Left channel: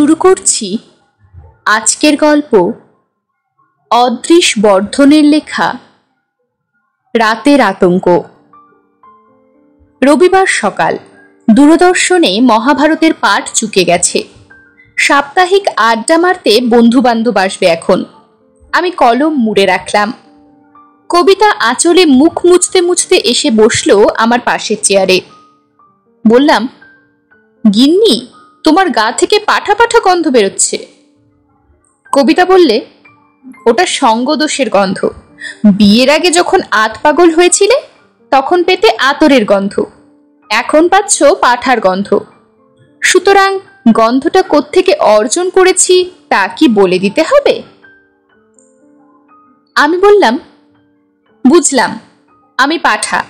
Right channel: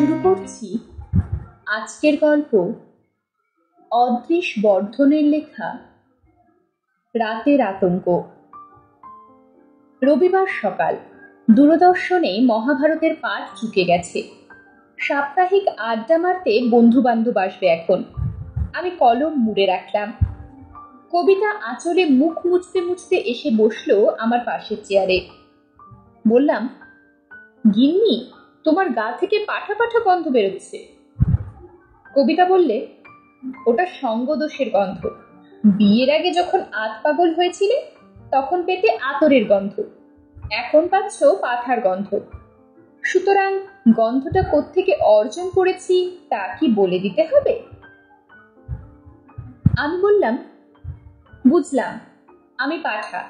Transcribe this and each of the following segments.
শুরু করছি আজকের গল্প অদৃশ বর্ধনের লেখা রাতের আতঙ্ক। রবিবার সকাল, দূরদর্শনে মহাভারতের পাঠ চুকে গেছে। সাপ্তাহিক আড্ডা মারতে বন্ধু বান্ধব আসবে এখন। আমি কলম মুড়ে রাখলাম। কবিতা আঁচলে মুখ মুছতে মুছতে এসে বসলো আমার পাশের চেয়ারে। বললাম, গিন্নি, তোমার গা থেকে পাঠা পাঠা গন্ধ বেরোচ্ছে। কবিতা বললে, ওটা সঙ্গদোষের গন্ধ। বিয়ের আগে যখন আত পাগল হয়েছিলে তখন পেতে আতরের গন্ধ, এখন পাচ্ছ পাঠার গন্ধ। সুতরাং গন্ধটা কোত্থেকে অর্জন করেছি তা কি বলে দিতে হবে? আমি বললাম, বুঝলাম, আমি পাঠা,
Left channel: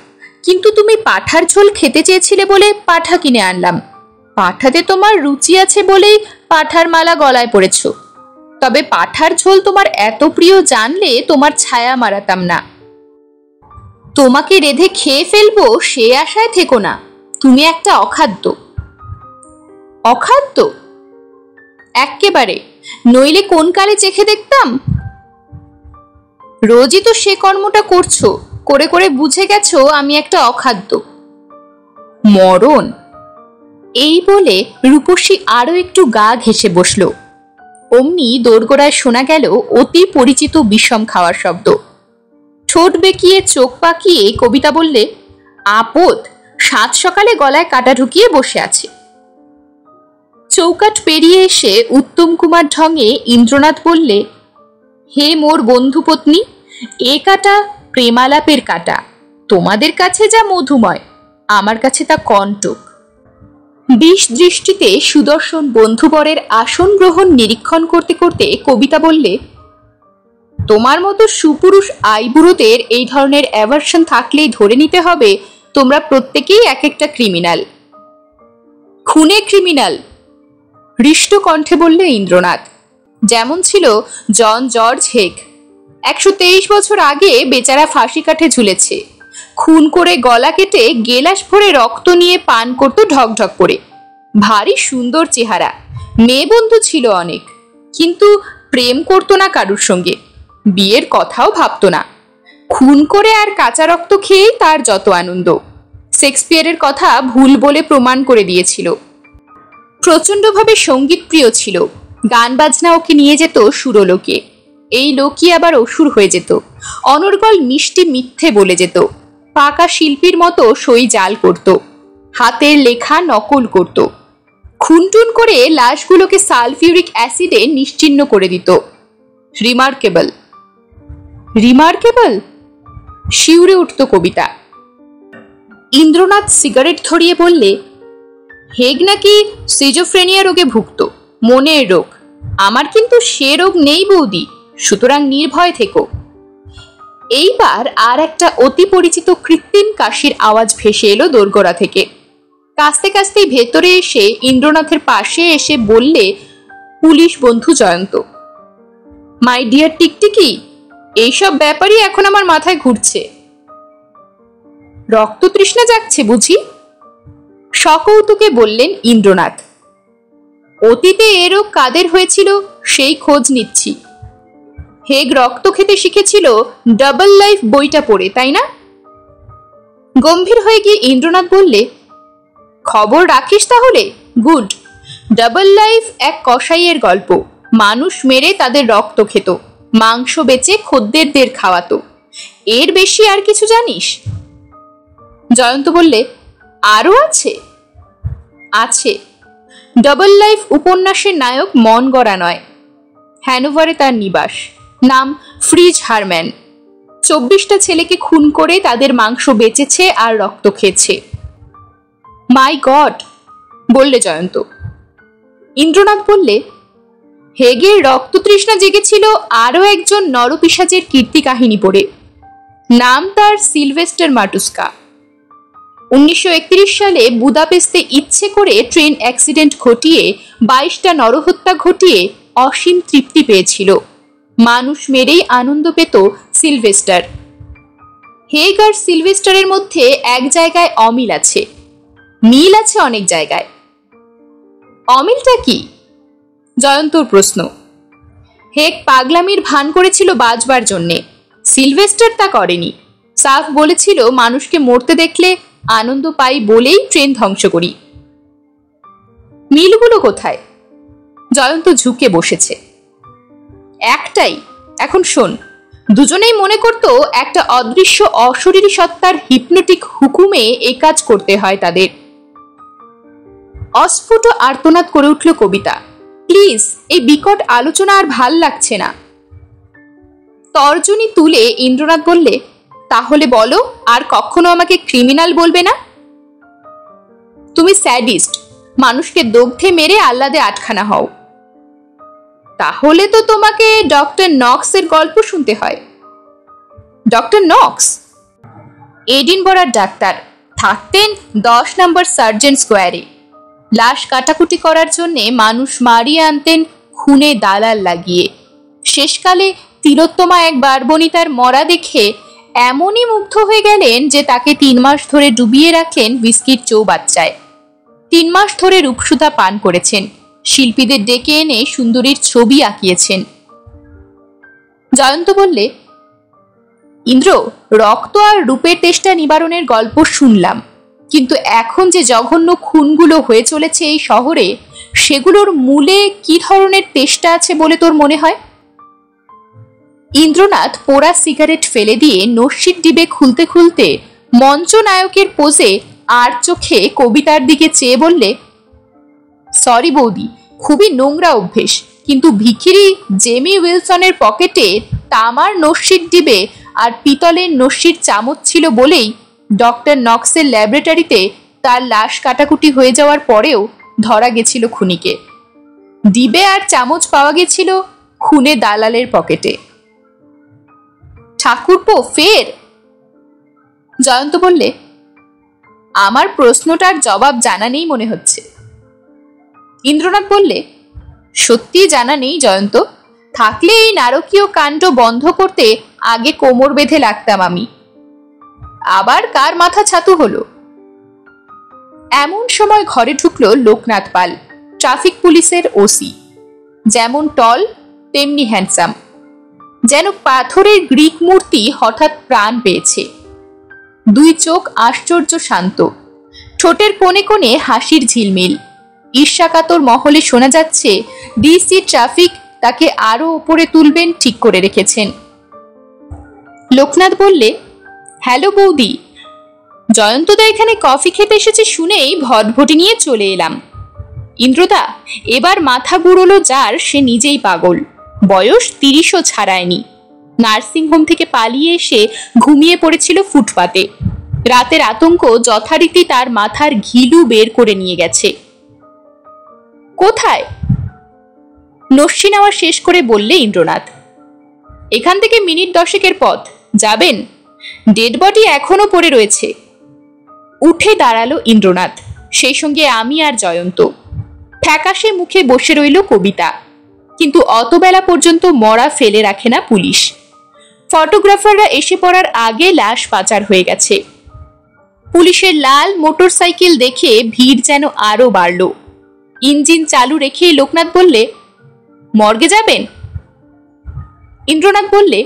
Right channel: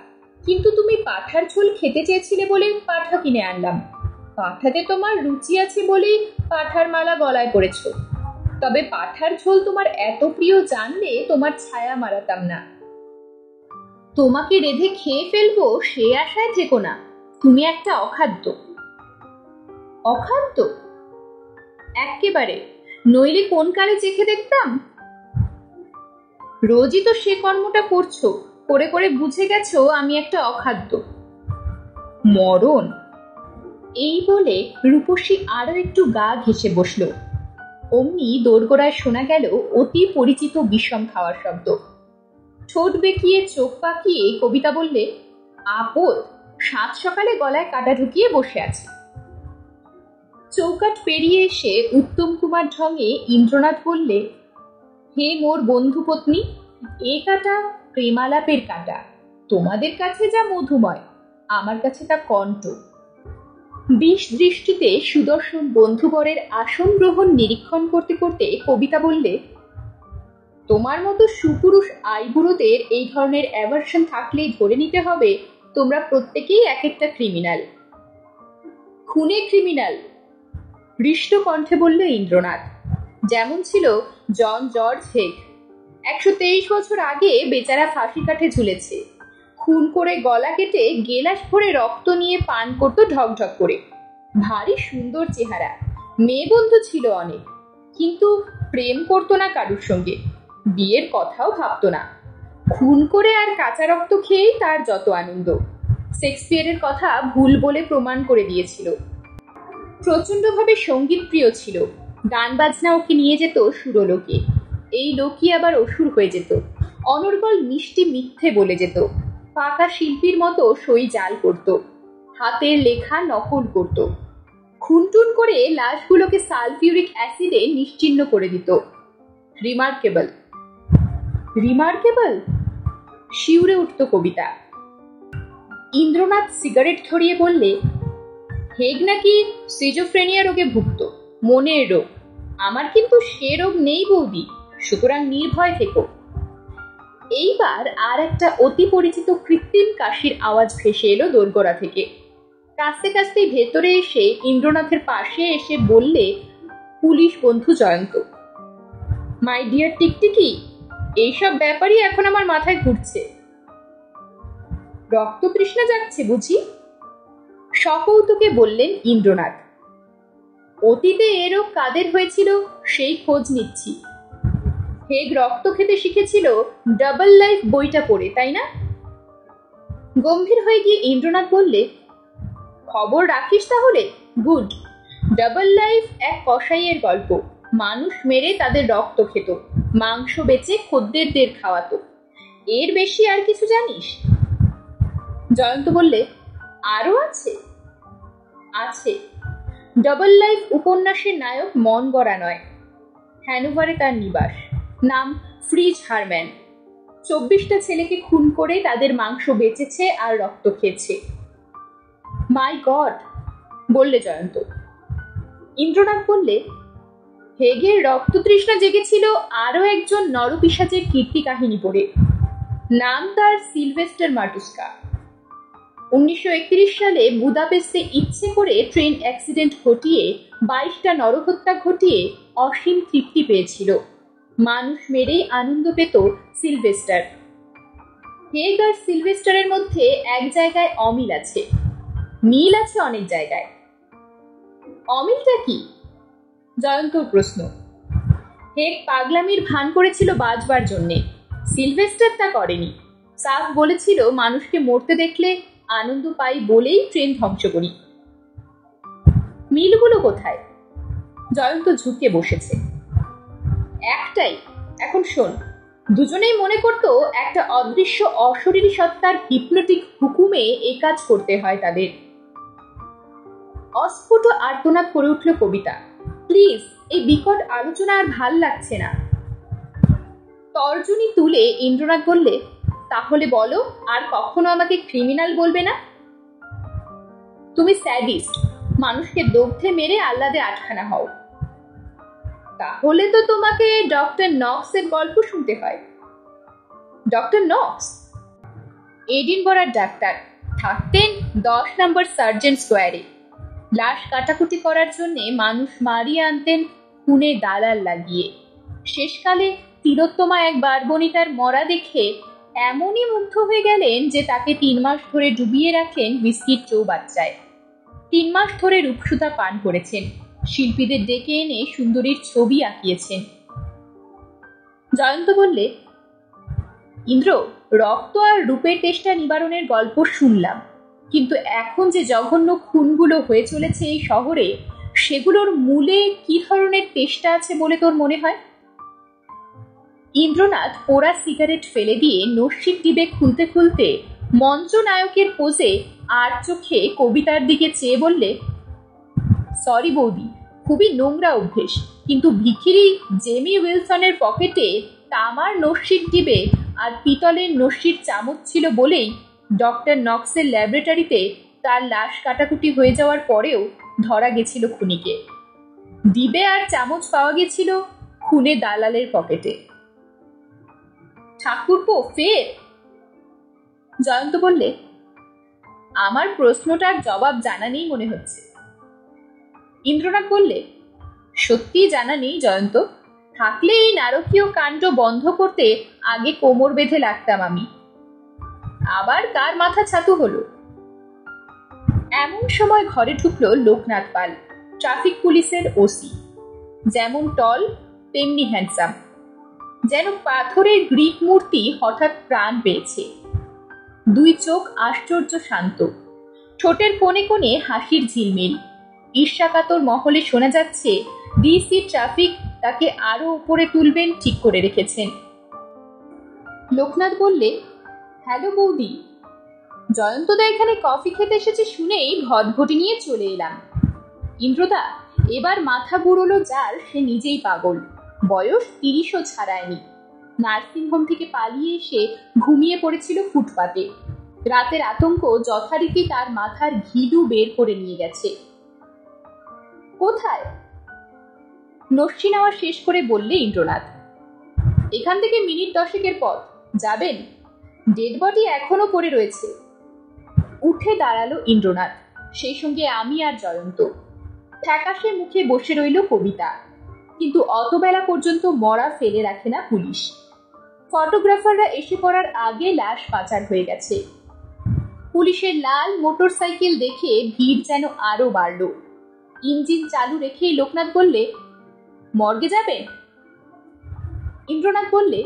কিন্তু তুমি পাঠার ঝোল খেতে চেয়েছিলে বলে পাঠা কিনে আনলাম। পাঠাতে তোমার রুচি আছে বলেই পাঠার মালা গলায় পড়েছ। তবে পাঠার ঝোল তোমার এত প্রিয় জানলে তোমার ছায়া মারাতাম না। তোমাকে রেঁধে খেয়ে ফেলবো সে আশায় থেকো না, তুমি একটা অখাদ্য। অখাদ্য? এক্কেবারে, নইলে কোন কালে চেখে দেখতাম। রোজই তো সে কর্মটা করছো, করে করে বুঝে গেছো আমি একটা অখাদ্য। মরণ। এই বলে রূপসী আরো একটু গা ঘেঁষে বসল। অমনি দোরগোড়ায় শোনা গেল অতি পরিচিত বিষম খাওয়ার শব্দ। ঠোঁট বেঁকিয়ে চোখ পাকিয়ে কবিতা বললে, আপদ, সাত সকালে গলায় কাটা ঢুকিয়ে বসে আছে। চৌকাঠ পেরিয়ে এসে উত্তম কুমার ঢঙে ইন্দ্রনাথ বললে, হে মোর বন্ধু পত্নী, এ কাটা প্রেমালাপের কাটা। তোমাদের কাছে যা মধুময়, আমার কাছে তা কণ্টক। বিষ দৃষ্টিতে সুদর্শন বন্ধুবরের আসন গ্রহণ নিরীক্ষণ করতে করতে কবিতা বললে, তোমার মতো সুপুরুষ আইবুড়োদের এই ধরনের অ্যাভারশন থাকলেই ধরে নিতে হবে তোমরা প্রত্যেকেই এক একটা ক্রিমিনাল। খুনে ক্রিমিনাল, হৃষ্ট কণ্ঠে বললে ইন্দ্রনাথ। যেমন ছিল জন জর্জ হেগ। 123 বছর আগে বেচারা ফাঁসি কাঠে ঝুলেছে। খুন করে গলা কেটে গেলাস ভরে রক্ত নিয়ে পান করত ঢকঢক করে। ভারী সুন্দর চেহারা, মেয়ে বন্ধু ছিল অনেক, কিন্তু প্রেম করতো না কারুর সঙ্গে, বিয়ের কথাও ভাবতো না। খুন করে আর কাঁচা রক্ত খেয়েই তার যত আনন্দ। শেক্সপিয়ারের কথা ভুল বলে প্রমাণ করে দিয়েছিল। প্রচণ্ডভাবে সঙ্গীত প্রিয় ছিল। গান বাজনা ওকে নিয়ে যেত সুরলোকে। এই লোকই আবার অসুর হয়ে যেত। অনর্গল মিষ্টি মিথ্যে বলে যেত। পাকা শিল্পীর মতো সই জাল করত। হাতের লেখা নকল করত। খুনটুন করে লাশগুলোকে সালফিউরিক অ্যাসিডে নিশ্চিহ্ন করে দিত। রিমার্কেবল। রিমার্কেবল, শিউরে উঠত কবিতা। ইন্দ্রনাথ সিগারেট ধরিয়ে বললে, হেগ নাকি সিজোফ্রেনিয়া রোগে ভুগত, মনের রোগ। আমার কিন্তু সে রোগ নেই বৌদি, সুতরাং নির্ভয় থেকো। এইবার আর একটা অতি পরিচিত কৃত্রিম কাশির আওয়াজ ভেসে এলো দোরগোড়া থেকে। কাস্তে কাস্তেই ভেতরে এসে ইন্দ্রনাথের পাশে এসে বললে পুলিশ বন্ধু জয়ন্ত, মাই ডিয়ার টিকটিকি, এইসব ব্যাপারই এখন আমার মাথায় ঘুরছে। রক্ত তৃষ্ণা যাচ্ছে বুঝি? সকৌতুকে বললেন ইন্দ্রনাথ। অতীতে এ রোগ কাদের হয়েছিল সেই খোঁজ নিচ্ছি। হেগ রক্ত খেতে শিখেছিল ডাবল লাইফ বইটা পড়ে, তাই না? গম্ভীর হয়ে গিয়ে ইন্দ্রনাথ বললে, খবর রাখিস তাহলে? গুড। ডাবল লাইফ এক কসাইয়ের গল্প। মানুষ মেরে তাদের রক্ত খেত, মাংস বেচে খদ্দেরদের খাওয়াতো। এর বেশি আর কিছু জানিস? জয়ন্ত বললে, আরো আছে? আছে। ডাবল লাইফ উপন্যাসের নায়ক মন গড়া নয়। হ্যানোভারে তার নিবাস, নাম ফ্রিজ হারম্যান। 24টা ছেলেকে খুন করে তাদের মাংস বেচেছে আর রক্ত খেয়েছে। মাই গড, বললে জয়ন্ত। ইন্দ্রনাথ বললে, হেগের রক্ত তৃষ্ণা জেগেছিল আরো একজন নরপিশাচের কীর্তি কাহিনী পড়ে। নাম তার সিলভেস্টার মাটুস্কা। 1931 সালে বুদাপেস্তে ইচ্ছে করে ট্রেন অ্যাক্সিডেন্ট ঘটিয়ে 22টা নরহত্যা ঘটিয়ে অসীম তৃপ্তি পেয়েছিল। মানুষ মেরেই আনন্দ পেত সিলভেস্টার। হেগ আর সিলভেস্টারের মধ্যে এক জায়গায় অমিল আছে, মিল আছে অনেক জায়গায়। অমিলটা কি? জয়ন্তর প্রশ্ন। হেক পাগলামির ভান করেছিল বাঁচবার জন্যে, সিলভেস্টার তা করেনি। সাফ বলেছিল মানুষকে মরতে দেখলে আনন্দ পাই বলেই ট্রেন ধ্বংস করি। মিলগুলো কোথায়? জয়ন্ত ঝুঁকে বসেছে। একটাই, এখন শোন। দুজনেই মনে করত একটা অদৃশ্য অশরীরী সত্তার হিপনোটিক হুকুমে এ কাজ করতে হয় তাদের। অস্ফুট আর্তনাদ করে উঠল কবিতা। প্লিজ, এই বিকট আলোচনা আর ভাল লাগছে না। তর্জনী তুলে ইন্দ্রনাথ বললে, তাহলে বলো আর কখনো আমাকে ক্রিমিনাল বলবে না। তুমি স্যাডিস্ট, মানুষকে দগ্ধে মেরে আহ্লাদে আটখানা হও। তাহলে তো তোমাকে ডক্টর নক্সের গল্প শুনতে হয়। ডক্টর নক্স এডিনবরার ডাক্তার, থাকতেন 10 নম্বর সার্জেন্ট স্কোয়ারে। লাশ কাটাকুটি করার জন্যে মানুষ মারিয়ে আনতেন খুনে দালাল লাগিয়ে। শেষকালে তিলোত্তমা এক বারবনিতার মরা দেখে এমনই মুগ্ধ হয়ে গেলেন যে তাকে 3 মাস ধরে ডুবিয়ে রাখলেন হুইস্কির চৌবাচ্চায়। 3 মাস ধরে রূপসুধা পান করেছেন, শিল্পীদের ডেকে এনে সুন্দরীর ছবি আঁকিয়েছেন। জয়ন্ত বললে, ইন্দ্র, রক্ত আর রূপের তেষ্টা নিবারণের গল্প শুনলাম, কিন্তু এখন যে জঘন্য খুনগুলো হয়ে চলেছে এই শহরে, সেগুলোর মূলে কি ধরনের তেষ্টা আছে বলে তোর মনে হয়? ইন্দ্রনাথ পোড়া সিগারেট ফেলে দিয়ে নস্যির ডিবে খুলতে খুলতে মঞ্চনায়কের পোজে আর চোখে কবিতার দিকে চেয়ে বললে, সরি বৌদি, খুবই নোংরা অভ্যেস, কিন্তু ভিখিরি জেমি উইলসনের পকেটে তামার নস্যির ডিবে আর পিতলের নস্যির চামচ ছিল বলেই ডক্টর নক্সের ল্যাবরেটরিতে তার লাশ কাটাকুটি হয়ে যাওয়ার পরেও ধরা গেছিল খুনিকে। ডিবে আর চামচ পাওয়া গেছিল খুনে দালালের পকেটে। ঠাকুরপো ফের? জয়ন্ত বললে, আমার প্রশ্নটার জবাব জানা নেই মনে হচ্ছে। ইন্দ্রনাথ বললে, সত্যি জানা নেই জয়ন্ত, থাকলে এই নারকীয় কাণ্ড বন্ধ করতে আগে কোমর বেঁধে লাগতাম আমি। আবার কার মাথা ছাতু হলো? এমন সময় ঘরে ঢুকলো লোকনাথ পাল, ট্রাফিক পুলিশের ওসি। যেমন টল তেমনি হ্যান্ডসাম, যেন পাথরের গ্রিক মূর্তি হঠাৎ প্রাণ পেয়েছে। 2 চোখ আশ্চর্য শান্ত, ঠোঁটের কোণে কোণে হাসির ঝিলমিল। ঈর্ষাকাতর মহলে শোনা যাচ্ছে ডিসি ট্রাফিক তাকে আরো উপরে তুলবেন ঠিক করে রেখেছেন। লোকনাথ বললে, হ্যালো বৌদি, জয়ন্তদা এখানে কফি খেতে এসেছে শুনেই ভটভটি নিয়ে চলে এলাম। ইন্দ্রদা, এবার মাথা গুড়লো যার, সে নিজেই পাগল, বয়স 30ও ছাড়ায়নি। নার্সিংহোম থেকে পালিয়ে এসে ঘুমিয়ে পড়েছিল ফুটপাতে। রাতের আতঙ্ক যথারীতি তার মাথার ঘিলু বের করে নিয়ে গেছে। কোথায়? নস্যি নেওয়া শেষ করে বললে ইন্দ্রনাথ, এখান থেকে মিনিট 10 পথ, যাবেন? ডেড বডি এখনো পড়ে রয়েছে। উঠে দাঁড়ালো ইন্দ্রনাথ, সেই সঙ্গে আমি আর জয়ন্ত। ফ্যাকাশে মুখে বসে রইল কবিতা। কিন্তু অতবেলা পর্যন্ত মরা ফেলে রাখে না পুলিশ। ফটোগ্রাফাররা এসে পড়ার আগে লাশ পাচার হয়ে গেছে। পুলিশের লাল মোটরসাইকেল দেখে ভিড় যেন আরো বাড়ল। ইঞ্জিন চালু রেখে লোকনাথ বললে, মর্গে যাবেন? ইন্দ্রনাথ বললে,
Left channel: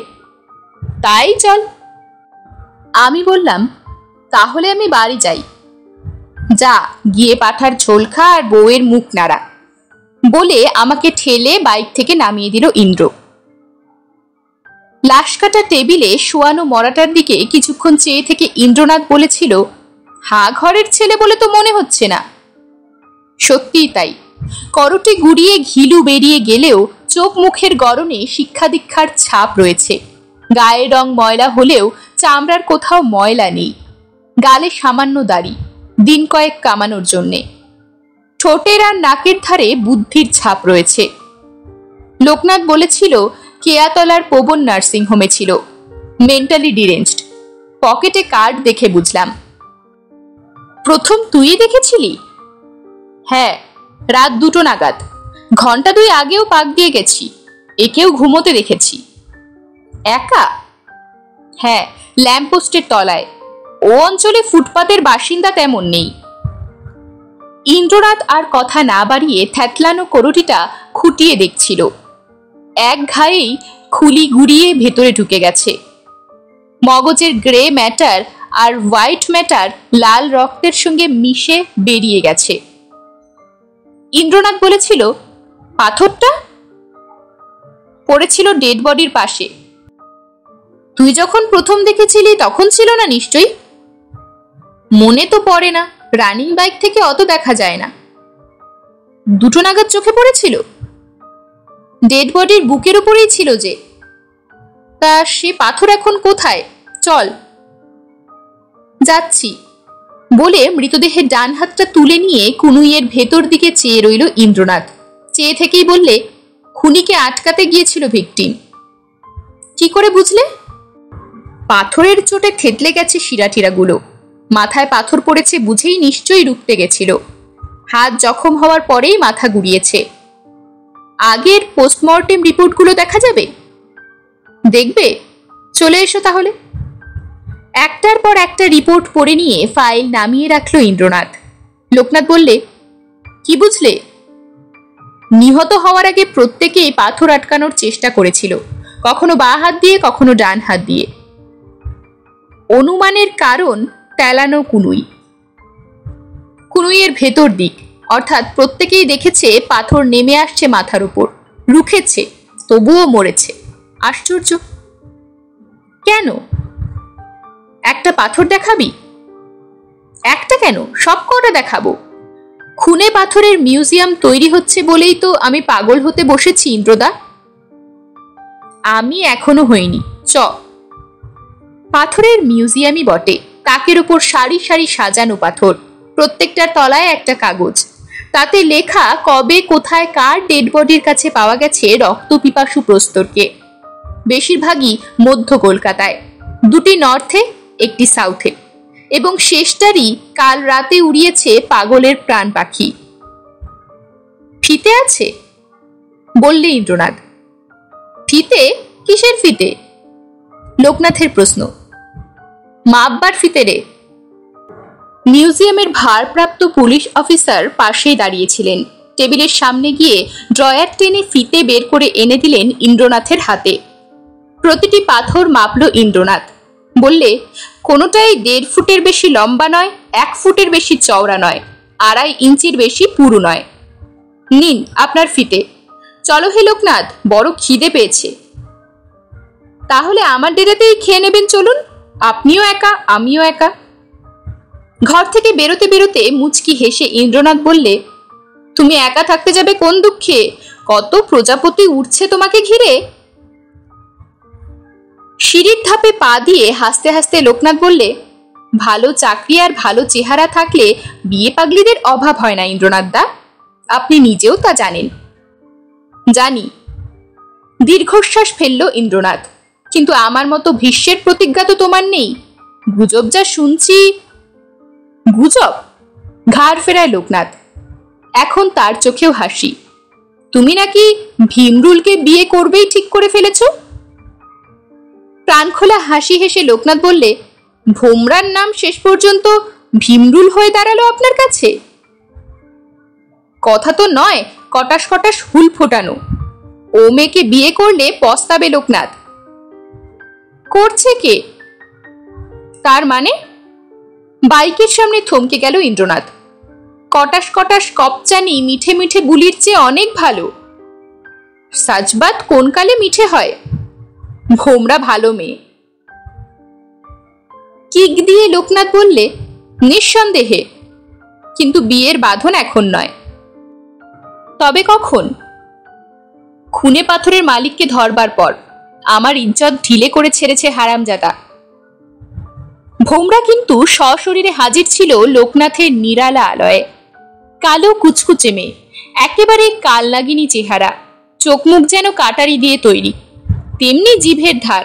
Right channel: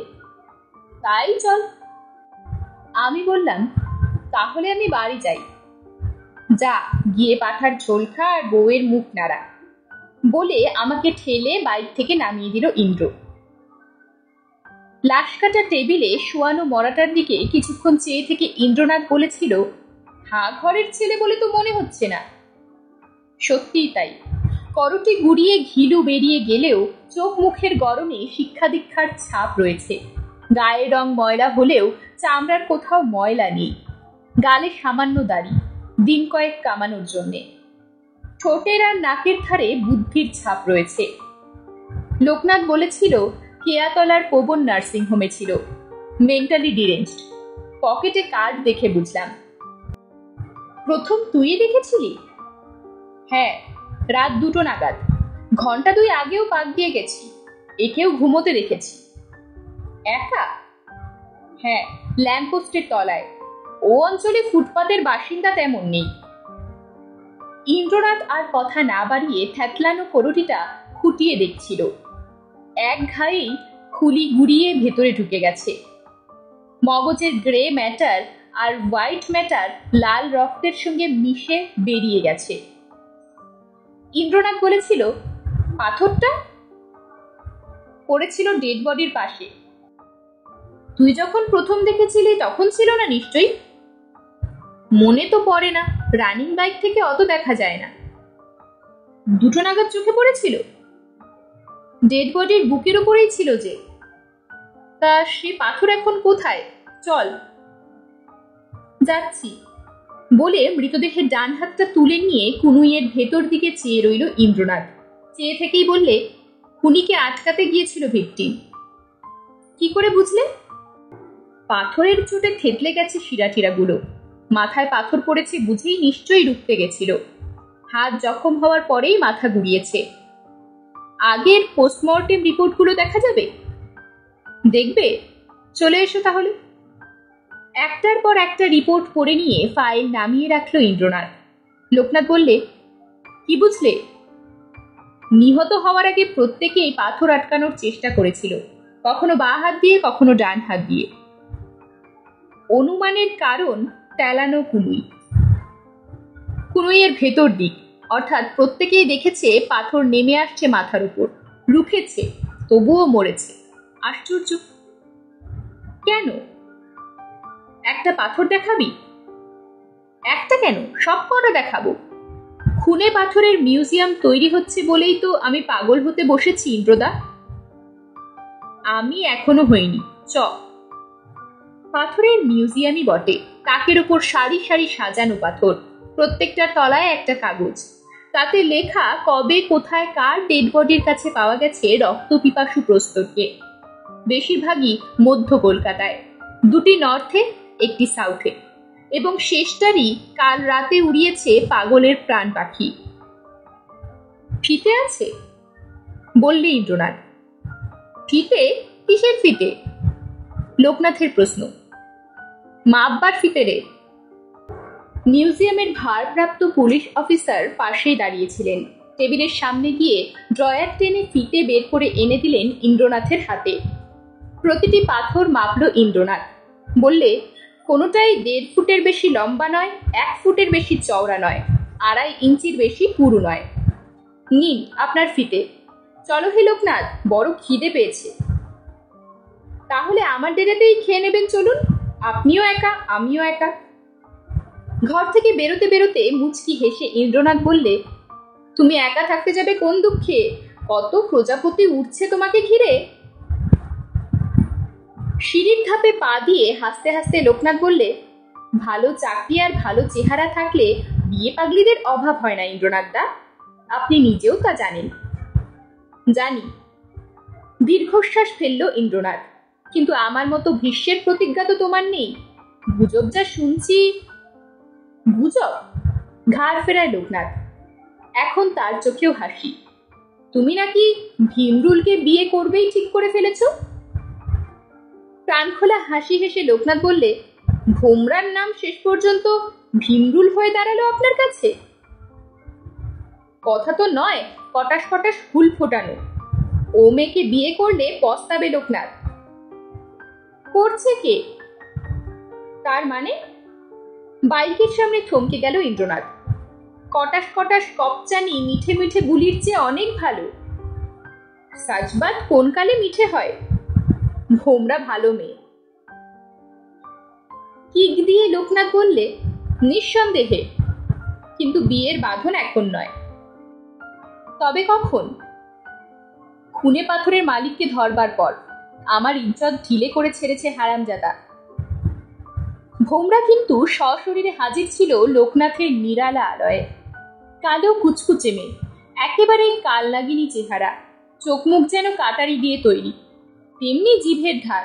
তাই চল। আমি বললাম, তাহলে আমি বাড়ি যাই। যা, গিয়ে পাঠার ঝোল খা আর বউয়ের মুখ নাড়া, বলে আমাকে ঠেলে বাইক থেকে নামিয়ে দিল ইন্দ্র। লাশ কাটা টেবিলে শোয়ানো মরাটার দিকে কিছুক্ষণ চেয়ে থেকে ইন্দ্রনাথ বলেছিল, হা ঘরের ছেলে বলে তো মনে হচ্ছে না। সত্যিই তাই, করটে গুড়িয়ে ঘিলু বেরিয়ে গেলেও চোখ মুখের গড়নে শিক্ষা দীক্ষার ছাপ রয়েছে। গায়ের রং ময়লা হলেও চামড়ার কোথাও ময়লা নেই। গালে সামান্য দাড়ি, দিন কয়েক কামানোর জন্যে। ঠোঁটের আর নাকের ধারে বুদ্ধির ছাপ রয়েছে। লোকনাথ বলেছিল কেয়াতলার পবন নার্সিংহোমে ছিল, মেন্টালি ডিরেঞ্জড। পকেটে কার্ড দেখে বুঝলাম। প্রথম তুই দেখেছিলি? হ্যাঁ, রাত 2টো নাগাদ। ঘন্টা 2 আগেও পাক দিয়ে গেছি। একেও ঘুমোতে দেখেছি। একা? হ্যাঁ, ল্যাম্পপোস্টের তলায়। ও অঞ্চলে ফুটপাতের বাসিন্দা তেমন নেই। ইন্দ্রনাথ আর কথা না বাড়িয়ে থ্যাতলানো করটিটা খুঁটিয়ে দেখছিল। এক ঘায়েই খুলি গুড়িয়ে ভেতরে ঢুকে গেছে। মগজের গ্রে ম্যাটার আর হোয়াইট ম্যাটার লাল রক্তের সঙ্গে মিশে বেরিয়ে গেছে। ইন্দ্রনাথ বলেছিল, পাথরটা পড়েছিল ডেড বডির পাশে। তুই যখন প্রথম দেখেছিলি তখন ছিল না নিশ্চয়ই? মনে তো পড়ে না, রানিং বাইক থেকে অত দেখা যায় না। 2টো নাগাদ চোখে পড়েছিল। ডেড বডির বুকের উপরেই ছিল যে। তা সে পাথর এখন কোথায়? চল। যাচ্ছি বলে মৃতদেহের ডান হাতটা তুলে নিয়ে কুনুইয়ের ভেতর দিকে চেয়ে রইল ইন্দ্রনাথ। চেয়ে থেকেই বললে, খুনিকে আটকাতে গিয়েছিল ভিকটিম। কি করে বুঝলে? পাথরের চোটে থেতলে গেছে শিরাটিরাগুলো। মাথায় পাথর পড়েছে বুঝেই নিশ্চয়ই রুখতে গেছিল। হাত জখম হওয়ার পরেই মাথা গুড়িয়েছে। আগের পোস্টমর্টেম রিপোর্টগুলো দেখা যাবে? দেখবে, চলে এসো তাহলে। একটার পর একটা রিপোর্ট পড়ে নিয়ে ফাইল নামিয়ে রাখলো ইন্দ্রনাথ। লোকনাথ বললে, কি বুঝলে? নিহত হওয়ার আগে প্রত্যেকেই পাথর আটকানোর চেষ্টা করেছিল, কখনো বাঁ হাত দিয়ে, কখনো ডান হাত দিয়ে। অনুমানের কারণ তেলানো কুনুই। কুনুইয়ের ভেতর দিক, অর্থাৎ প্রত্যেকেই দেখেছে পাথর নেমে আসছে মাথার উপর, রুখেছে, তবুও মরেছে। আশ্চর্য। কেন? একটা পাথর দেখাবি? একটা কেন, সব কটা দেখাবো। খুনে পাথরের মিউজিয়াম তৈরি হচ্ছে বলেই তো আমি পাগল হতে বসেছি ইন্দ্রদা। আমি এখনো হইনি। চ। পাথরের মিউজিয়ামই বটে, তাকের উপর সারি সারি সাজানো পাথর, প্রত্যেকটার তলায় একটা কাগজ, তাতে লেখা কবে কোথায় কার ডেড বডির কাছে পাওয়া গেছে রক্তপিপাসু প্রস্তরকে। বেশিরভাগই মধ্য কলকাতায়, 2টি নর্থে, 1টি সাউথে, এবং শেষটারই কাল রাতে উড়িয়েছে পাগলের প্রাণ পাখি। ফিতে আছে বললে ইন্দ্রনাথ। ফিতে? কিসের ফিতে? লোকনাথের প্রশ্ন। মাপবার ফিতে রে। মিউজিয়ামের ভারপ্রাপ্ত পুলিশ অফিসার পাশেই দাঁড়িয়েছিলেন। টেবিলের সামনে গিয়ে ড্রয়ার টেনে ফিতে বের করে এনে দিলেন ইন্দ্রনাথের হাতে। প্রতিটি পাথর মাপল ইন্দ্রনাথ। বললে, কোনোটাই 1.5 ফুটের বেশি লম্বা নয়, 1 ফুটের বেশি চওড়া নয়, 2.5 ইঞ্চির বেশি পুরু নয়। নিন আপনার ফিতে। চলো হে লোকনাথ, বড় খিদে পেয়েছে। তাহলে আমার ডেরাতেই খেয়ে নেবেন, চলুন। আপনিও একা, আমিও একা। ঘর থেকে বেরোতে বেরোতে মুচকি হেসে ইন্দ্রনাথ বললে, তুমি একা থাকতে যাবে কোন দুঃখে? কত প্রজাপতি উঠছে তোমাকে ঘিরে। সিঁড়ির ধাপে পা দিয়ে হাসতে হাসতে লোকনাথ বললে, ভালো চাকরি আর ভালো চেহারা থাকলে বিয়ে পাগলিদের অভাব হয় না ইন্দ্রনাথ দা, আপনি নিজেও তা জানেন। জানি। দীর্ঘশ্বাস ফেলল ইন্দ্রনাথ। কিন্তু আমার মতো ভীষ্মের প্রতিজ্ঞা তো তোমার নেই। গুজব যা শুনছি। গুজব? ঘাড় ফেরায় লোকনাথ। এখন তার চোখেও হাসি। তুমি নাকি ভীমরুলকে বিয়ে করবেই ঠিক করে ফেলেছ। প্রাণখোলা হাসি হেসে লোকনাথ বললে, ভোমরার নাম শেষ পর্যন্ত ভীমরুল হয়ে দাঁড়ালো আপনার কাছে। কথা তো নয় কটাস কটাস হুল ফোটানো। ও মেয়েকে বিয়ে করলে পস্তাবে লোকনাথ। করছে কে? তার মানে? বাইকের সামনে থমকে গেল ইন্দ্রনাথ। কটাস কটাস কপচানি মিঠে মিঠে বুলির চেয়ে অনেক ভালো। সাজবাত কোন কালে মিঠে হয়? ভোমরা ভালো মেয়ে। কিক দিয়ে লোকনাথ বললে, নিঃসন্দেহে, কিন্তু বিয়ের বাঁধন এখন নয়। তবে কখন? খুনে পাথরের মালিককে ধরবার পর। আমার ইজ্জত ঢিলে করে ছেড়েছে হারামজাদা। ভোমরা কিন্তু সশরীরে হাজির ছিল লোকনাথের নিরালা আলয়ে। কালো কুচকুচে মেয়ে, একেবারে কাল লাগিনী চেহারা, চোখ মুখ যেন কাটারি দিয়ে তৈরি, তেমনি জিভের ধার।